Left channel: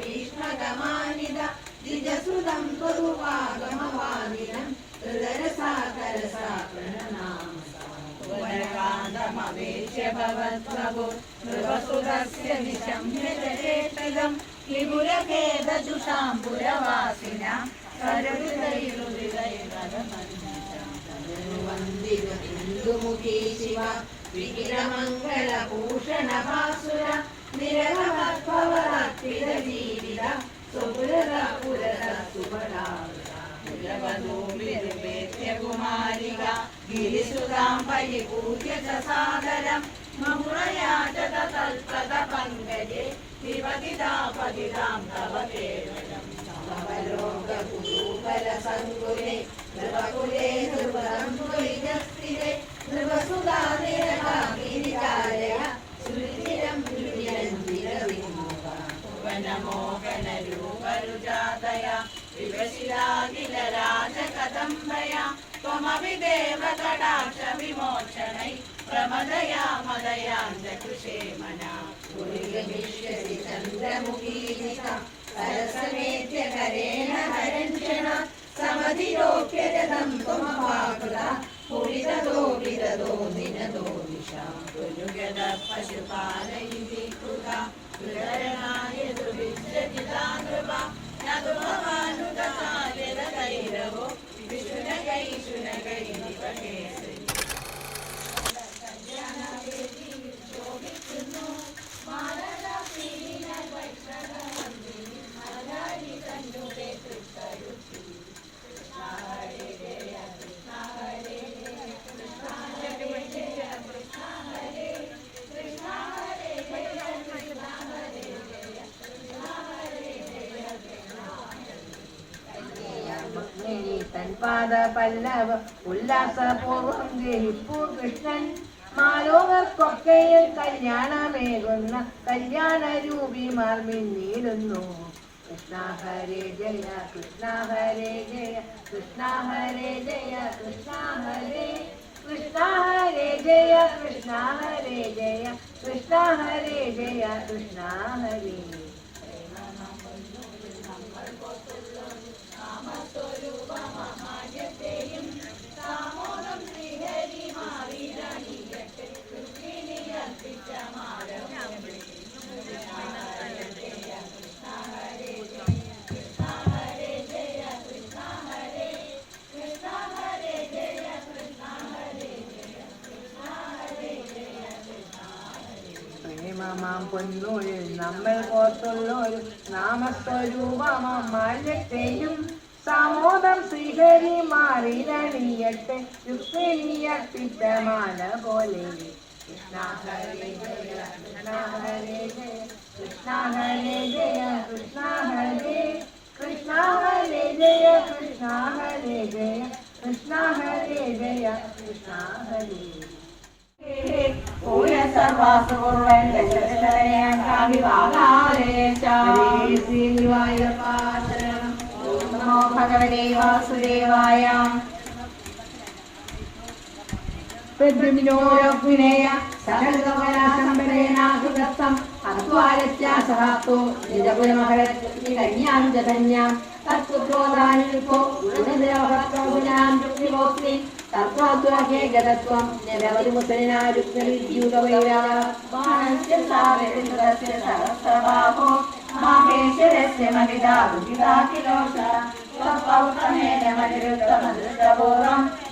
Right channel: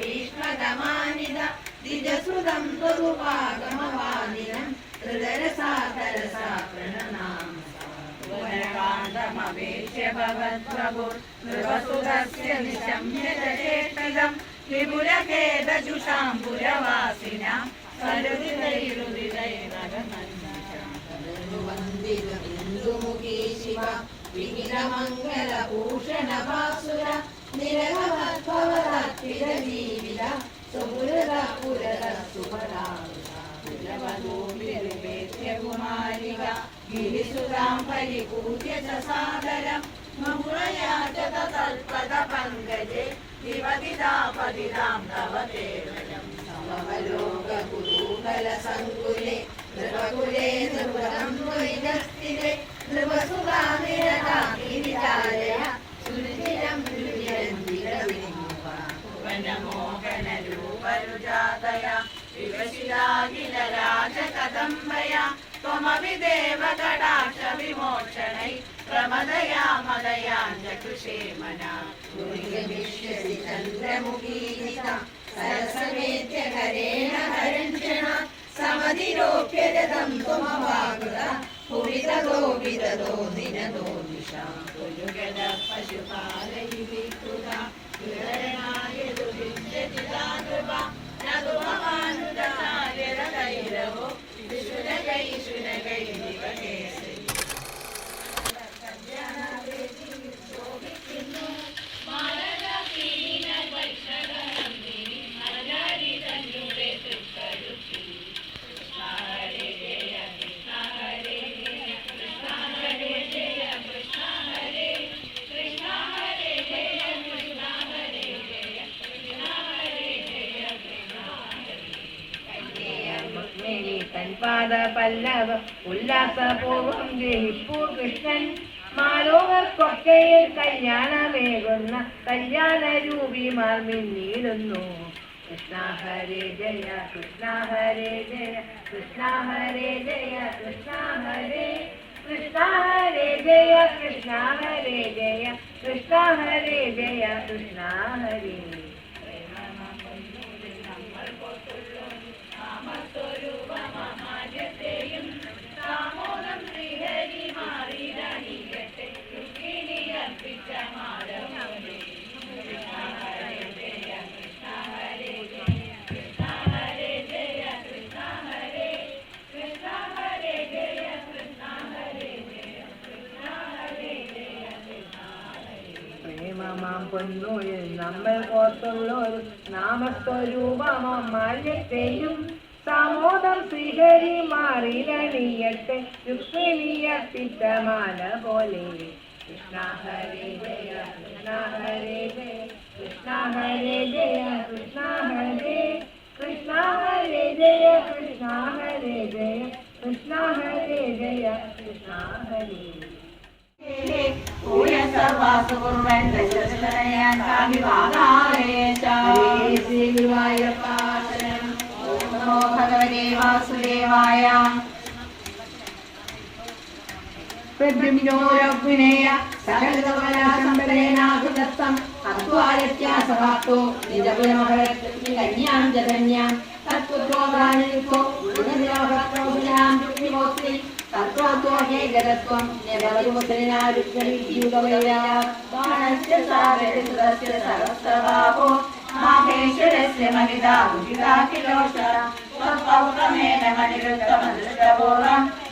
भीष्मगमानिद दिजसुदं स्वरूपागमवादिनं हृदरसा तरसा प्रणनामसावेक्ष्य भवद्भवो नृवसुरस्य निशम्यदशेषिदं त्रिपुरखेदजुषाम्बुरवासिना वन्दित इन्दुमुखी शिव विघ्नमङ्गलभूषणभा നിരവദ്ഭവരാത്രിര ജീവിത സുപുരത പുരത കുമാരിക ഗിരിസുരാം പരിപൂജ്യ സാദരം മമുറയാ തൽപത പങ്കജേ വിവദിതാപതിതാം തവ കേവലം സങ്കുലേ നൃപകുലേ നൃപദം ദ്വൈതസ്ഥിരേ अखिलराजकदम्बया त्वमभिदेवकटाक्षविमोचनै प्रमदया मदयाञ्जकुशे मना विश्वसि चन्द्रमुखीलिता सरसमेत्य करेण हरञ्चन समधिरोप्य जगं त्वमवाकुला पुवितदो विददो दिनदो दिशां पशुपाले തൻപാദ പല്ലവ ഉല്ലാസപൂർവം ഗ്രഹിപ്പൂ കൃഷ്ണൻ. മാലോകർക്കൊക്കെയിൽ കല്യാണമേകുന്ന കല്യാണ രൂപിമാർ മിന്നീടുന്നു കൃഷ്ണ ഹരേ ജയ കൃഷ്ണ ഹരേ ജയ കൃഷ്ണ ഹരേ ജയ കൃഷ്ണ ഹരേ കൃഷ്ണ ഹരേ ജയ കൃഷ്ണ ഹരേ ജയ കൃഷ്ണ ഹരേ ജയ കൃഷ്ണ ഹരേ നമ്മൾ സമോദം ശ്രീഹരി മാറിലണിയട്ടെ. രുക്മിണിയർപ്പിച്ച മാല പോലെ. കൃഷ്ണ ഹരേ ജയ കൃഷ്ണ ഹരേ ജയ കൃഷ്ണ ഹരേ ജയ. പ്രദ്രുമിനോരഗ്നേയ സകലതമനാസംബരേണാഹൃതസ്ഥം അർത്വാരത്യാസഹാത്തോ നിരപുരമഹരജ്ഞാം ജഗന്യാം. തത്പുത്രോദാനിയുക്തോ ഗുണദേവഭക്തൗജനാം രുക്മിമോസ്തി തത്രോദ്വാഹേ ജഗത്വം നിരവരുമുസലിനാരുക്തനിദ്യൂതവൈരാ ബാണസ്യ സാഗരസ്യ സഹസ്രബാഹോ മാഹേശ്വരസ്യ മഹിതാ ഭുജിതാഖിലോഷ സ്വപൗത്രമേന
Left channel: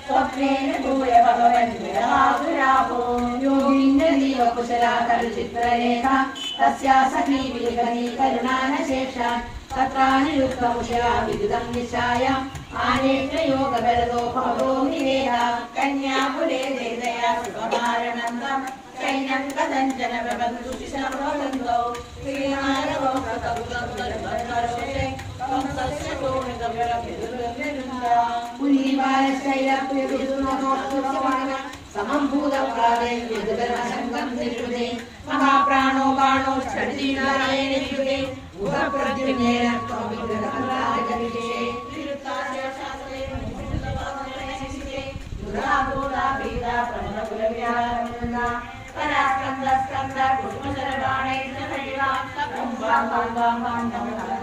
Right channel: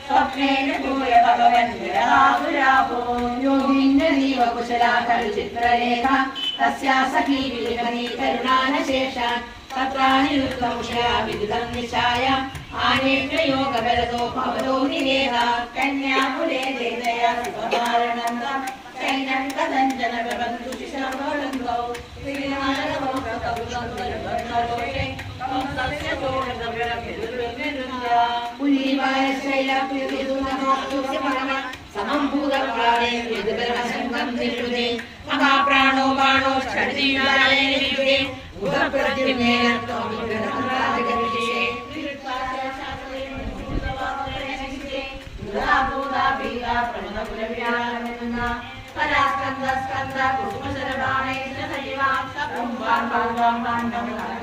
स्वप्नेन भूय भगवन् राहुराहो योगीन्द्रदीवकुशलाकरुचित्रलेखः तस्या सखी विलिखनी करुणानशेषा तत्रानिरुद्धंशया विदितं निशाय आनेत्रयोगबलदो भवतो निरेहा कन्याकुले देदया सुखमारणन्द शैनं कदञ्जन बबन्धु शिशनोरन्दौ श्रीनारदौ कतौ మహాప్రాణో బాణో క్షణీయుడే ఉదప్రతినేనతో విగ్రహరాజగరిషే కళాస్కంద స్కంద కుటుంబ సర్వాణై సజీవా బ్రహ్మ బ్రహ్మ బ్రహ్మ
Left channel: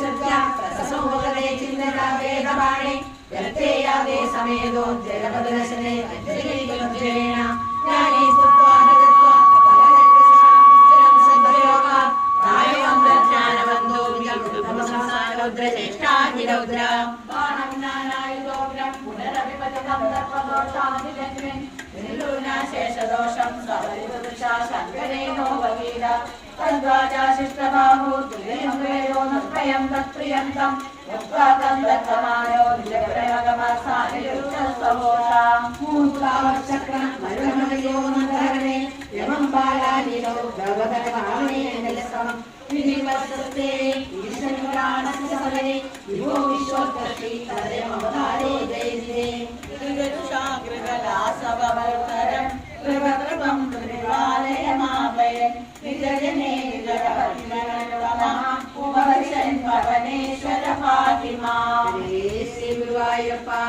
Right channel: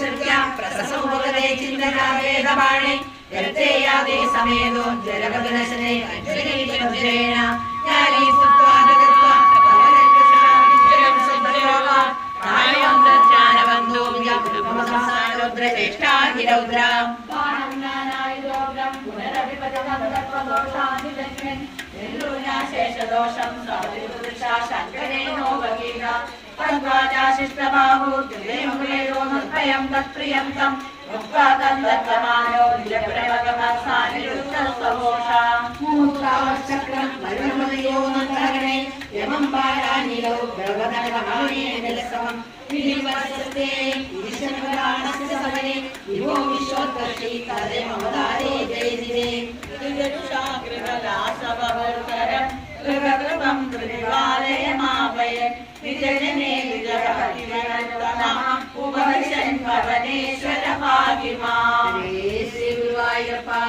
വിഗ്രഹരാജകവിഷേ സമാനമന ഗതപാണി യത്തേയാദേ സമേതോ ജലപദനശനെ അഞ്ജലീജേന ജ്ഞാനീ സ്തുത്വാ ജഗത്വാ. പവനകൃഷ്ണം ദ്വിതയുംവേദോ നിർഭയം തത്പ്രിയം തം. തന്തത്തമാനോ നിലപ്രവകമസാനിരുദ്ധസ്വഘോഷാം മൂത്രാവചക്രം മരണമയോ നന്ദഹരണേ യമം ബാലാനിലോ ഗർവതനകായേനലസമം വിധിവത്സത്തെ വിധിശനപരാണസ്യ സമനെ വിഭോ വിശ്വോത്കർഷി തദേമവതാരേ ജയതിരേ. ൃഗലാസവൽക്കരം विजजने विजभक्तिवरतमः उपविशन् भवनेश्वर पाहि मां श्रीगुरुवायपा